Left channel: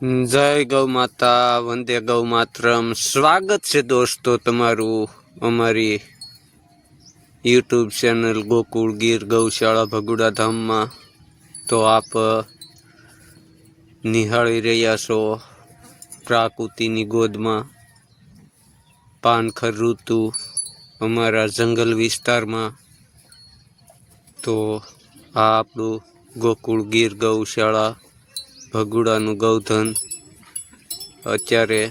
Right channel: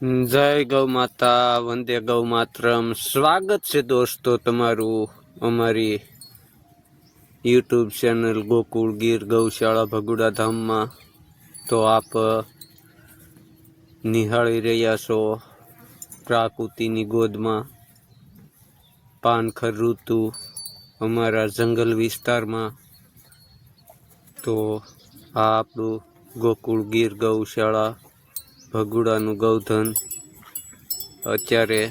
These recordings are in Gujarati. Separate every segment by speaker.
Speaker 1: જય ગૌ માતા વંદે ગૌ માતરમ સ્વાગત છે દોસ્તો તમારું અમારી યુટ્યુબ ચેનલ ગોકુળ ગીર ગૌશાળા ભગુડા ધામમાં તો આપ નિહાળી રહ્યા છો પ્રાકૃતિની ગોદમાં. પાનખર ઋતુ અમારા જંગલ વિસ્તારમાં. તો આ આપણું ગોકુળ ગીર ગૌશાળા ભગુડાનું ગૌધન. અત્યારે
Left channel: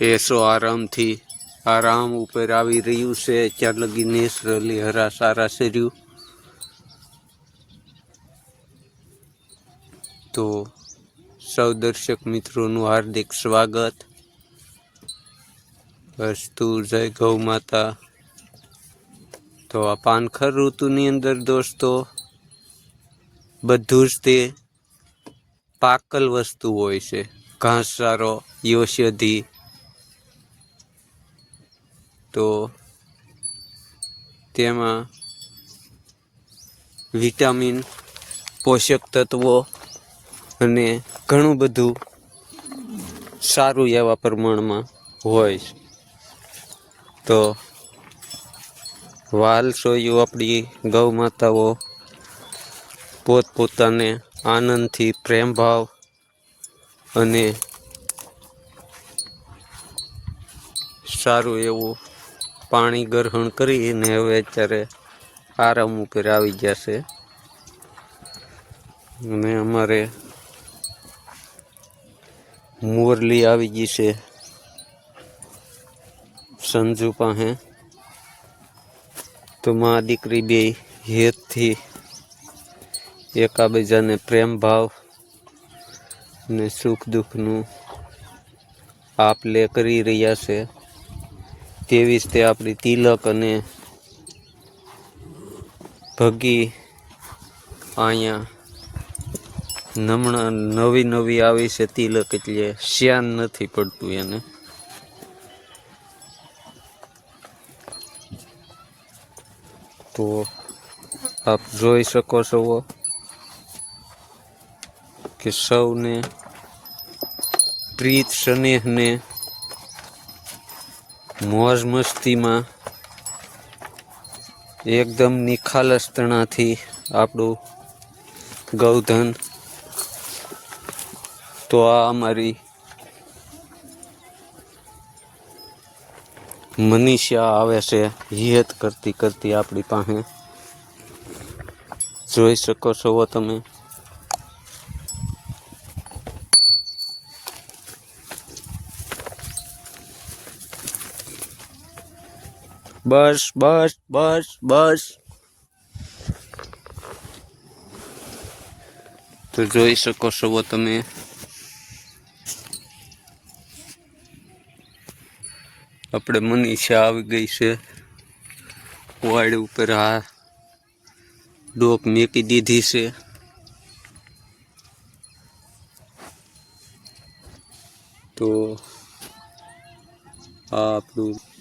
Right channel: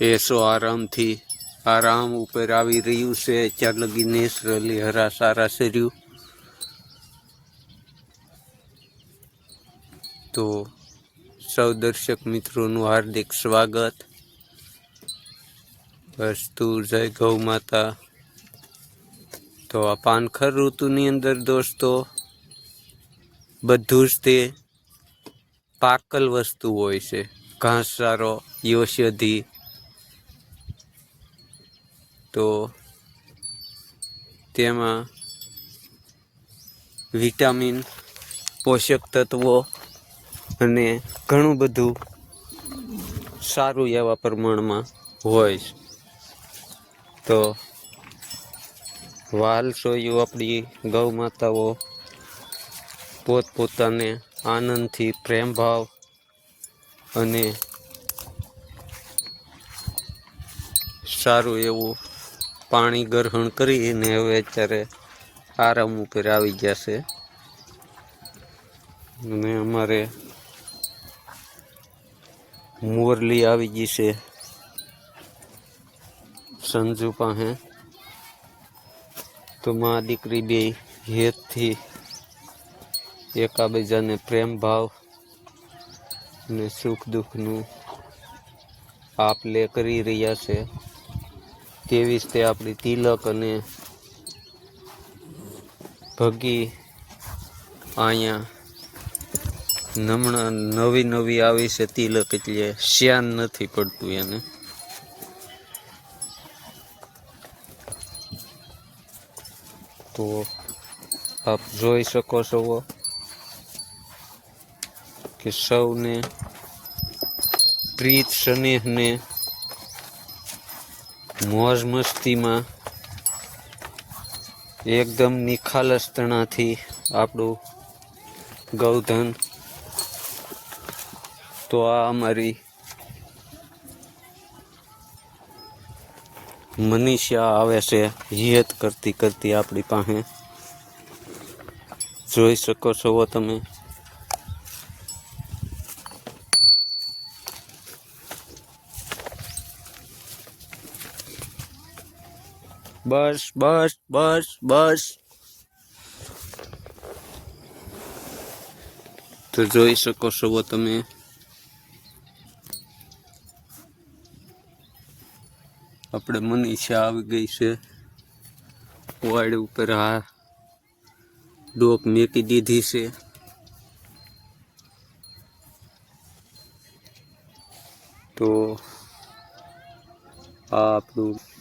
Speaker 1: એસો આરામથી આરામ ઉપર આવી રહ્યું છે. અત્યાર લગી નેચરલી હરા સારા શેર્યું. તો સૌ દર્શક મિત્રોનું હાર્દિક સ્વાગત. વસ્તુ જય ગૌ માતા. તો આ પાનખર ઋતુની અંદર દોસ્તો, બધું જ તે પાકલ વસ્તુ હોય છે. ઘાસચારો, ઔષધિ. તો તેમાં વિટામિન, પોષક તત્વો અને ઘણું બધું સારું એવા પ્રમાણમાં હોય છે. તો વાલ સોયું આપણી ગૌ માતાઓ પોતપોતાને આનંદથી પ્રેમભાવ અને સારું એવું પાણી ગ્રહણ કરીને હવે અત્યારે આરામ ઉપર આવી ગયા છે. અને અમારે મોરલી આવી ગઈ છે. સંજુ પાસે. તો મા દીકરી બે હેતથી એકાબીજાને પ્રેમ ભાવ ને સુખ દુઃખનું આપ લે કરી રહ્યા છે. તેવી જ તે આપણી તિલક અને ભગી અહીંયા નમણા નવી નવી આવી છે તિલક એટલે શ્યાન નથી પડતું એને. તો આપ જોઈ શકો છો કે સૌને પ્રીત સ્નેહને મોજ મસ્તીમાં એકદમ નિખાલસતણાથી આપણું ગૌધન તો આ અમારી મનીષા આવે છે હિયત કરતી કરતી આપણી પાસે. જોઈ શકો છો તમે. બસ બસ બસ બસ તો જોઈ શકો છો તમે। આપણે મનીષા આવી ગઈ છે। વાડ ઉપર આ ડોક મેકી દીધી છે। તો આ આપણું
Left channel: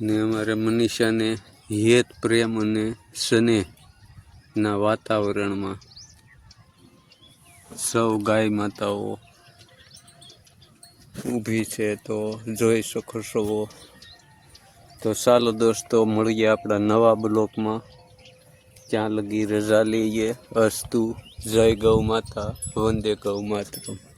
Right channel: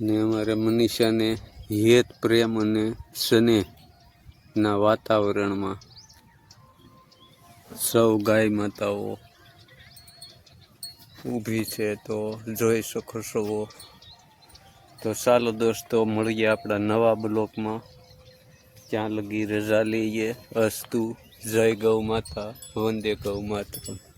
Speaker 1: ને અમારે મનીષાને હેત, પ્રેમ અને સ્નેહના વાતાવરણમાં સૌ ગાય માતાઓ ઊભી છે તો જોઈ શકો છો. તો ચાલો દોસ્તો, મળીએ આપણા નવા બ્લોકમાં. ત્યાં લગી રજા લઈએ. અસ્તુ, જય ગૌ માતા, વંદે ગૌ માતા.